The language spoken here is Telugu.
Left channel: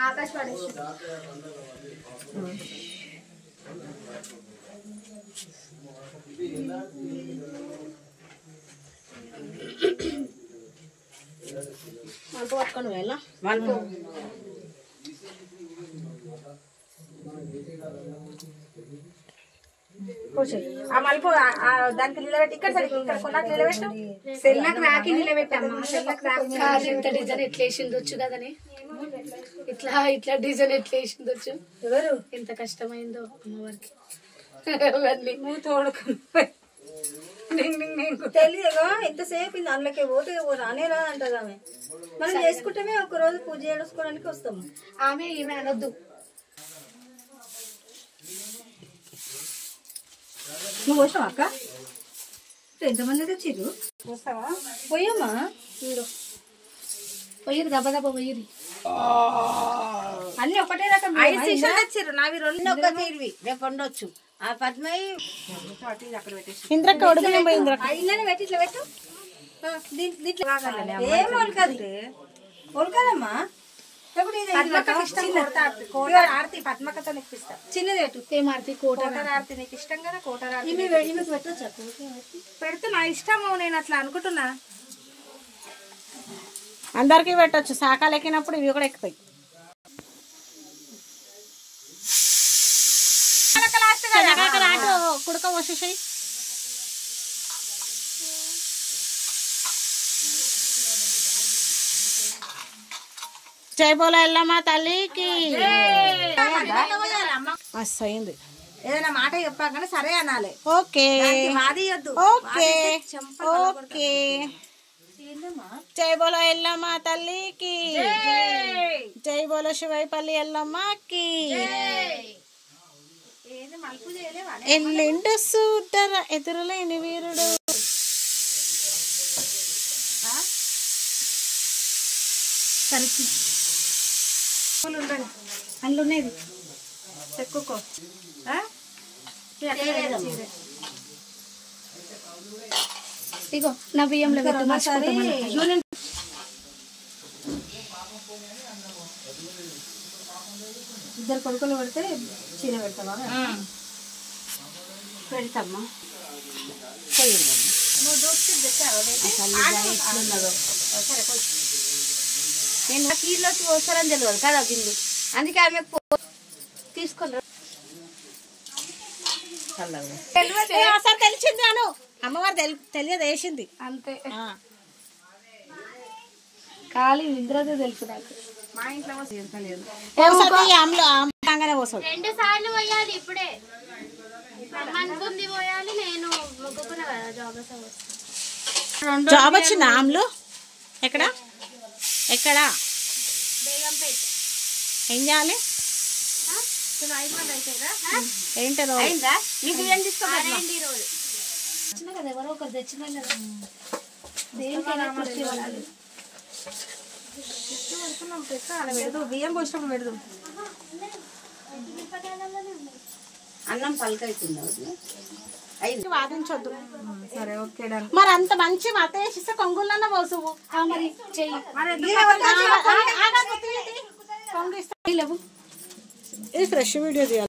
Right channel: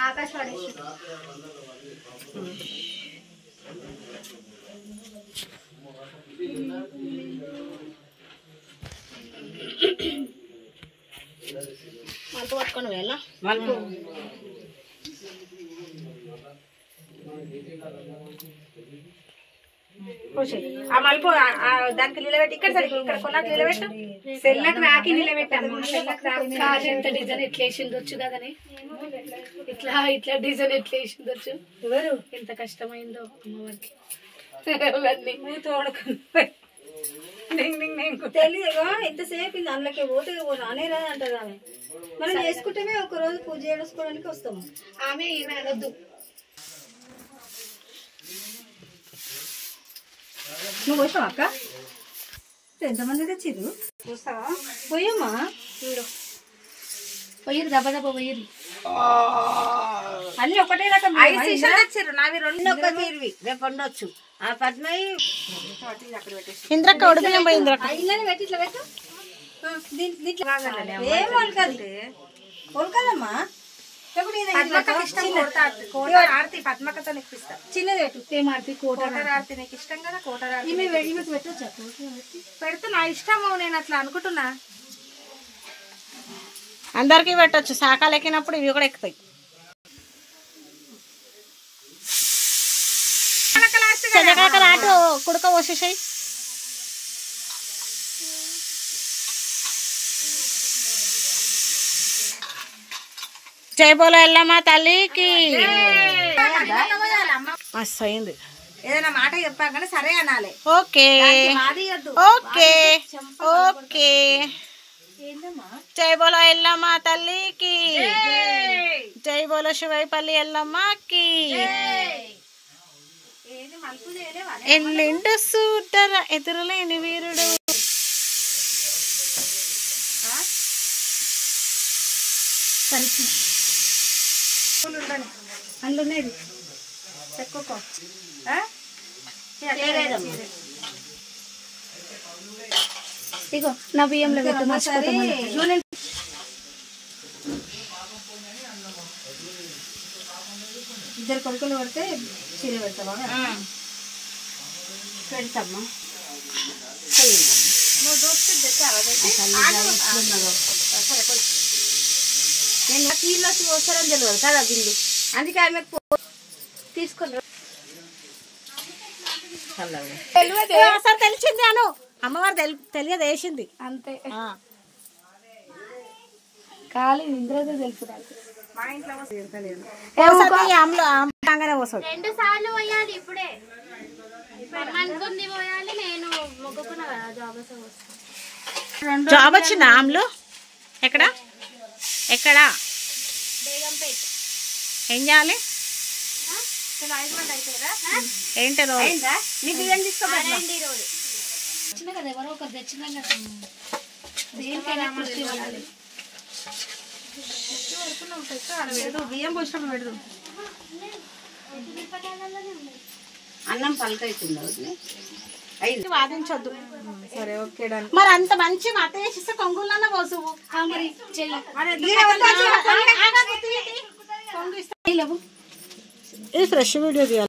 ఆకాశవాణి మలుపు పట్టుకొని వెళ్ళ మలుపు ఆ మలుపు దానికి నిలబెట్టి ఇక్కడ ఇక్కడ కొన్నాకు నిలబెట్టు సెల్లకు రాకి నిలబెట్టమ్మా ఇంత డిజైన్ ఎట్లా వేసిందొచ్చు కదని ఇట్లా ఇట్లా డిజైన్ ఎట్లా వేసిందొచ్చు ఎవరు ఎంత కష్టమైందో అమ్మవారికి నువ్వు తోడుకుని తెలియదు ఎంతసేపు అందులోకి పోతే రానే రా అంటారు ఆమె మనం చేసుకుంటేనే ఒక రోజు పూజ చేసుకోవడానికి వస్తాము ఆమె ఈమె అనొద్దు నువ్వు వస్తావా అక్క ఎంతమంది తెచ్చిర్రు వస్తావా పోయమ్మా పోయిరు దెబ్బ దెబ్బ పోయిరు అన్ని ఒకటే రకం తెచ్చిర్రు నావి రెండు ఒక్క తీరువి రేపు ఉండొచ్చు ఆ పద్మయ్య ఇంద్రక్క ఉడిపియం పోయి ఇంద్రక్క ఇళ్ళని పెట్టి ఇట్లా పెట్టు దీంట్లో ఏం ఒలకది ఒలకదమ్మా ఆరతి పద్మకతో ఇప్పిస్తా చిన్నది పెట్టు ఏం ఆర్తి కోటర్ ఆరతి నీకు ఇష్టం కదా కోటర్ ఆరతి పెట్టొచ్చా పెడితే నా ఇష్టము నేను అట్లా అనుకుంటున్నా అందరికి పెట్టొచ్చు శాఖలు ఎక్కినప్పుడు ఇవి కూడా ఎక్కుతాయి ఆటో కుడక పోసేసాయి జై బోలో ఎల్లమ్మ తల్లికి మస్తు అయింది ఏదైనా మాట చెప్పాకనే సరే అనాలి ఓకే ఓకే ఓకే జై బోలో ఎల్లమ్మ తల్లికి జై బోలో శివైపల్లి ఎల్లమ్మకి ఎల్లిండు సూటర ఎదురులేని వీరుడు అందులో ఉన్నది చెక్కుకో ఇగో నా బియ్యంలో ఇద్దరు కొడుకులు పడితే చీర పెడతావా పెడతామ్మా నేను కీళ్ళు వచ్చి పోస్తారని తెలియదు కదా బిల్లు అందుకే ఆమె తీసుకొని అసలు తెలిసింది అను అమ్మవారు తెలియదు వేసింది అంతే ఖాళీ ఇంద్రదే తెలుసు నాకు మా ఇంట్లో పోసది 2 సార్లు పోయాలి ఇప్పుడే అనుకుంది పోయాలి నేను మొక్కుకున్న జాబ్ వచ్చిందా ఆమ్లు ఎక్కడ ఎక్కడ బేగంపేట్ ఏం చేయాలి ఏంటి రోజు నీకు ఏం తీసుకోవాలి చిన్న కదా ఎవరో ఒకరు తెచ్చినా కదా దేనికైనా కృషి ఇవ్వాలి బియ్యం పోసినప్పుడు పెడదు అన్నం పలకైతుంది వాదించొద్దు సరే ఓకే మరి అంత మంచి మత వేసిస్తే కొంగులన్న పోసువు మరి చెయ్యి ఇది ఫ్రెష్ వీడియో తీయాలి.